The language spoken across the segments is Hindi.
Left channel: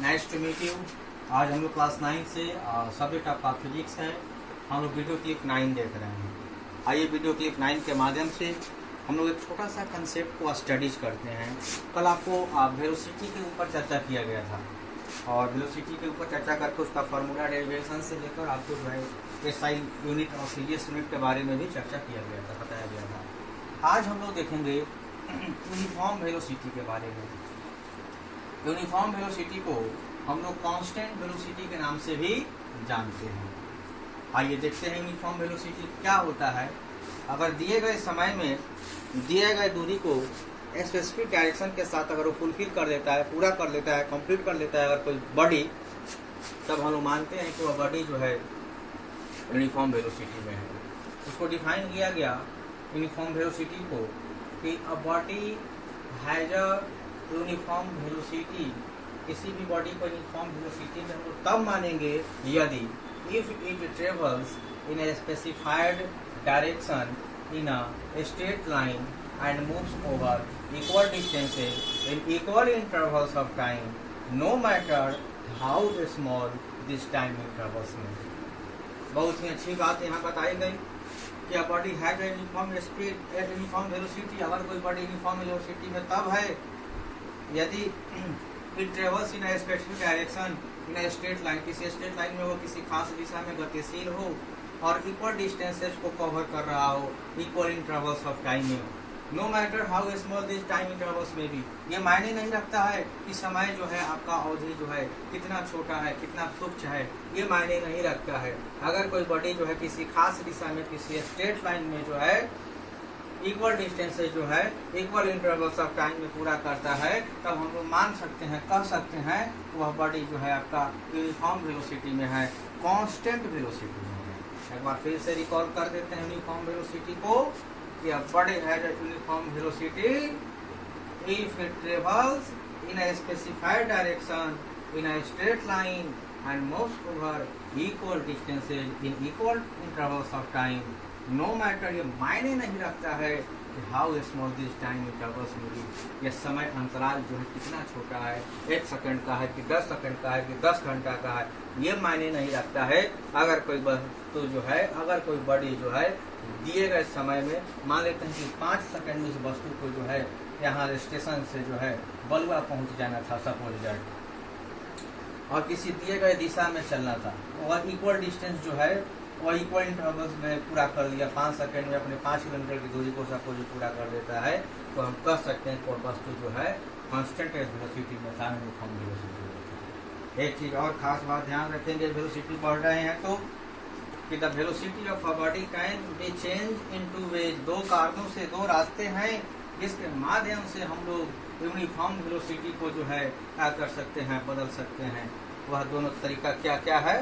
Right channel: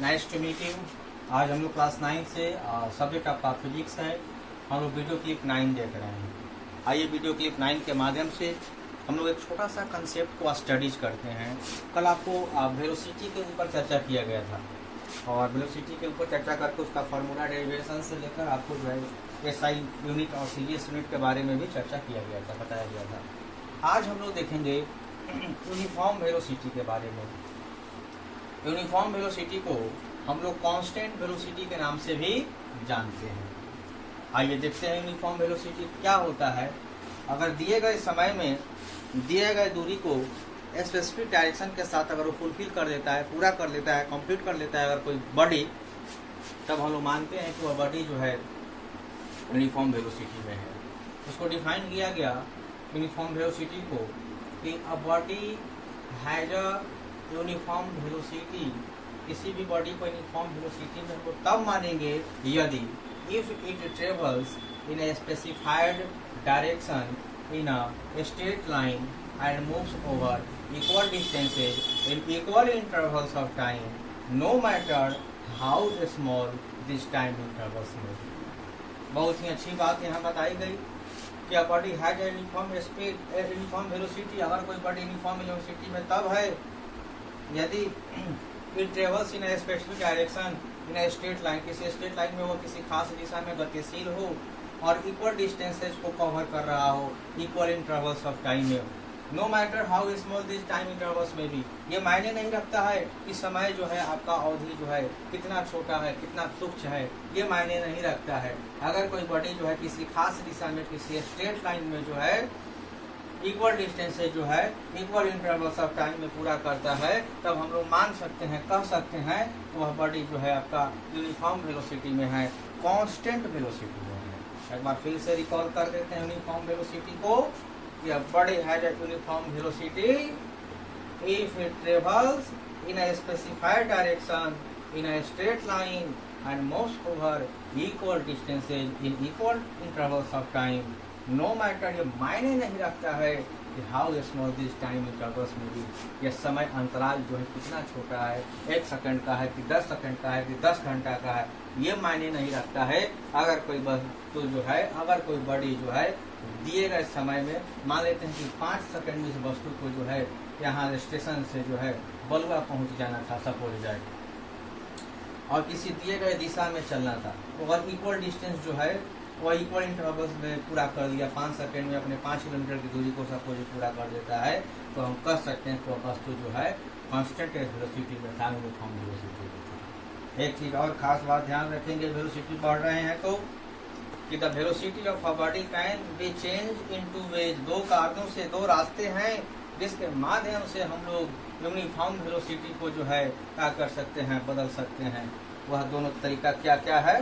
Nice to meet you. आज हम लोग क्लास 9 से सब्जेक्ट आपका फिजिक्स है। हम लोग वीडियो क्लिप 9 देख रहे हैं। आइए वीडियो क्लिप 9 के माध्यम से हम लोग एक छोटा सा कंसेप्ट को स्टडीज करते हैं। कल आपको वेलोसिटी के ऊपर चर्चा किया गया था और वेलोसिटी के ऊपर चर्चा करके उसका फार्मूला डेरिवेशन से लेकर आपको जो है एसआई यूनिट और सीरियस यूनिट के बारे में भी चर्चा किया गया था, बताया गया था। आज हम लोग देखेंगे यूनिफॉर्म वेलोसिटी के बारे में। यूनिफॉर्म वेलोसिटी को हम लोग कांस्टेंट वेलोसिटी के नाम से भी जानते हैं। आइए देखते हैं यूनिफॉर्म वेलोसिटी क्या होता है। अगर दिए गए समय में दिए गए दूरी को स्पेसिफिक डायरेक्शन के साथ अगर वो फुलफिल कर लेता है, पूरा कर लेता है, कंप्लीट कर लेता है अगर कोई बॉडी, तब हम लोग मानते हैं कि वह बॉडी जो है यूनिफॉर्म वेलोसिटी में है। उसको डिफाइन किया गया यूनिफॉर्म वेलोसिटी को कि a body has a uniform velocity. किसी भी बॉडी को यूनिफॉर्म वेलोसिटी में हमको तब मानेंगे यदि if it travels in a specified direction in a straight line and moves over equal distances in equal intervals of time, no matter how small this time intervals may be. बहुत ही अच्छी बात यहाँ बताई गई कि body has uniform speed uniform velocity. अगर कोई बॉडी यूनिफॉर्म वेलोसिटी में तब है यदि it travels in a specific direction in a straight line, किसी स्ट्रेट लाइन में वो किसी खास दिशा में गतिशील हो और इक्वल डिस्टेंसेज को कवर कर रहा हो इक्वल इंटरवल्स ऑफ टाइम में। No matter how small this time intervals में भी, ये मायने नहीं रखता है कि समय जो है आपका अवधि जो है कितना छोटा है, कितना तुच्छ है, ये मायने नहीं रखता है। अगर कोई बॉडी जो है किसी खास दिशा में किसी स्ट्रेट लाइन में जो है इक्वल डिस्टेंसेज जो है इक्वल इंटरवल्स ऑफ टाइम में पूरा करता है, तब हम लोग मान सकते हैं, कह सकते हैं वह बॉडी जो है आपका यूनिफॉर्म वेलोसिटी में है, कांस्टेंट वेलोसिटी में है। एक बार फिर से रिकॉल कर देते हैं यूनिफॉर्म वेलोसिटी को। A body has a uniform velocity if it travels in a specified direction in a straight line and moves over equal distances in equal intervals of time. No matter ये मायने नहीं रखता है कि how small this time intervals may be, ये समय अंतराल जो है कितना छोटा है, 1 सेकंड का है कि 10 सेकंड का है कि 10 घंटा का है, ये मायने नहीं रखता है। अगर कोई वस्तु जो है, अगर कोई बॉडी जो है दिए गए समय में मान लेते हैं कि 5 सेकंड में इस वस्तु को जो है यहाँ स्टेशन से जो है बलुआ पहुंच जाना था, सपोज जाए, और किसी दिए गए दिशा में चलना था, और इक्वल डिस्टेंस जो है वह इक्वल इंटरवल्स में पूरा कर लिया, 5 सेकंड में अपने 5 किलोमीटर की दूरी को सपोज पूरा कर देता है, तो हम कह सकते हैं कि वस्तु जो है कांस्टेंट वेलोसिटी में था, यूनिफॉर्म वेलोसिटी। एक चीज और खास बात ध्यान रखेंगे, वेलोसिटी बढ़ रहे हैं तो कि the velocity of a body can be change in 2 ways. 2 कारणों से 2 रास्ते हैं जिसके माध्यम से हम लोग यूनिफॉर्म वेलोसिटी को जो है क्या कर सकते हैं, बदल सकते हैं। वह दोनों तरीका क्या क्या है,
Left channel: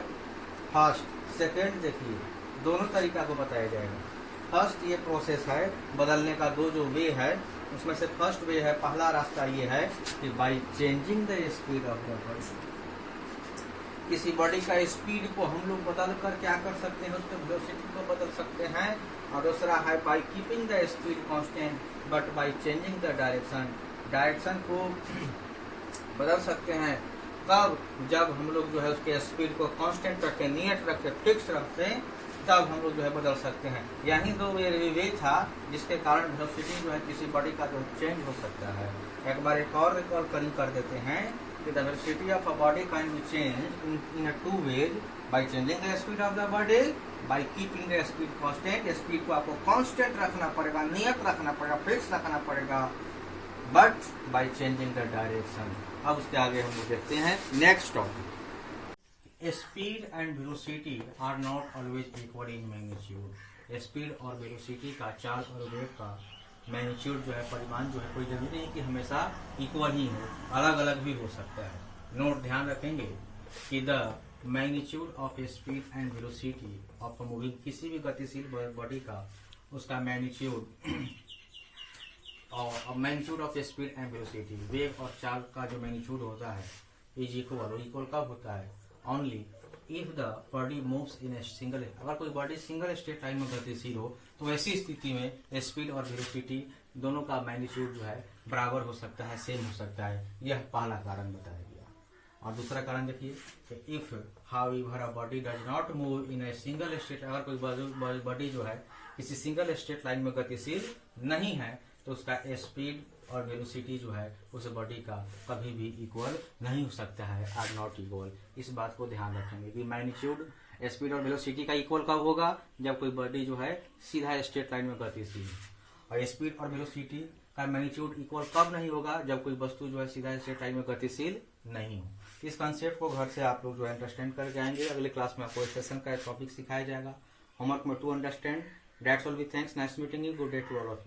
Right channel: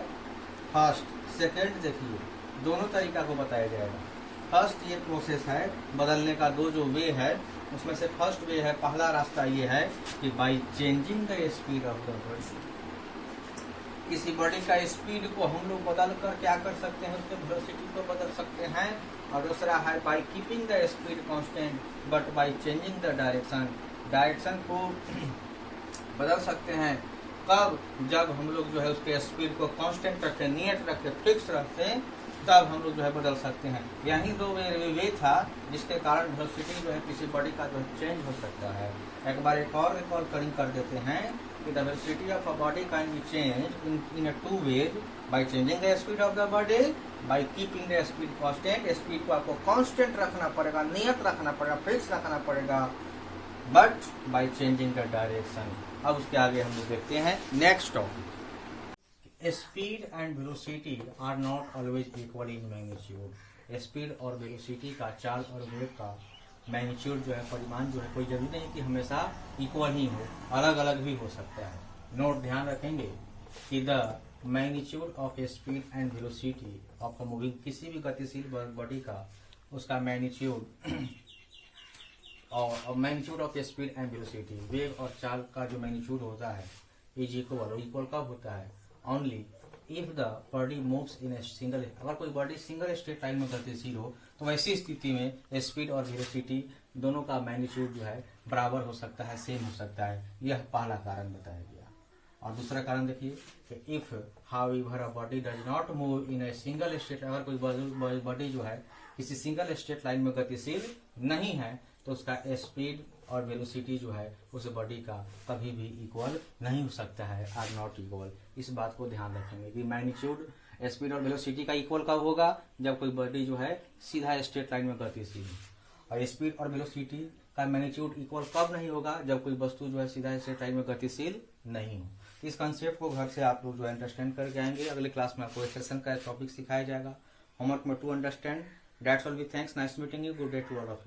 फर्स्ट सेकेंड, देखिए दोनों तरीका को बताया जाएगा। फर्स्ट ये प्रोसेस है बदलने का, 2 जो वे है उसमें से फर्स्ट वे है, पहला रास्ता ये है कि by changing the speed of the body. किसी बॉडी का स्पीड को हम लोग बदल कर क्या कर सकते हैं, उसके वेलोसिटी को बदल सकते हैं। और दूसरा है by keeping the speed constant but by changing the direction. Direction को बदल सकते हैं कब, जब हम लोग जो है उसके स्पीड को कांस्टेंट रखते, नियत रखते, फिक्स रखते, तब हम लोग जो है बदल सकते हैं। यही 2 वे था जिसके कारण वेलोसिटी जो है किसी बॉडी का जो चेंज हो सकता है। एक बार एक और रिकॉल कर देते हैं कि the velocity of a body can be changed in a 2 ways by changing the speed of the body, by keeping the speed constant। Speed को आपको कांस्टेंट रखना पड़ेगा, नियत रखना पड़ेगा, फिक्स रखना पड़ेगा, but by changing the direction. अब उसके आगे हम लोग देखते हैं next topic. Speed and velocity are not always equal in magnitude. Speed और वेलोसिटी का, चाल और वेग का मैग्नीट्यूड जो है, परिमाण जो है, कोई जरूरी नहीं कि हमेशा इक्वल ही हो, अलग अलग भी हो सकता है। नोट ध्यान रखेंगे कि the magnitude of speed and velocity of moving, किसी भी गतिशील बॉडी का उसका मैग्नीट्यूड और magnitude of speed and velocity, वेग और चाल का जो मैग्नीट्यूड होता है इज इक्वल कब होता है, only if the body moves in a single. अगर कोई बॉडी सिंगल स्ट्रेट लाइन में गतिशील हो तो वैसी स्थिति में स्पीड और वेलोसिटी दोनों का मैग्नीट्यूड जो है बराबर हो सकता है, सेम हो सकता है। यह पहला कारण बताया गया। और दूसरा कारण देखिए कि if how ever a body does not move in a single state, अगर कोई बॉडी जो है किसी सिंगल स्टेट लाइन में गतिशील नहीं है तो उसका स्पीड और वेलोसिटी जो है उस बॉडी का कभी भी इक्वल नहीं हो सकता है, आर नॉट इक्वल। इस बात को ध्यान रखेंगे कि मैग्नीट्यूड, स्पीड और वेलोसिटी का इक्वल कब होगा, जब कोई बॉडी जो है सीधा स्ट्रेट लाइन में गतिशील है। और स्पीड और वेलोसिटी का मैग्नीट्यूड इक्वल कब नहीं होगा, जब कोई वस्तु जो है सीधा स्ट्रेट लाइन में गतिशील नहीं हो। इस कॉन्सेप्ट को घर से आप लोग जो है अंडरस्टैंड करके आएंगे। अगले क्लास में आपको सेशन का एक टॉपिक सिखाया जाएगा, होमवर्क में to understand. That's all, we thanks, nice meeting you, good day to all of you.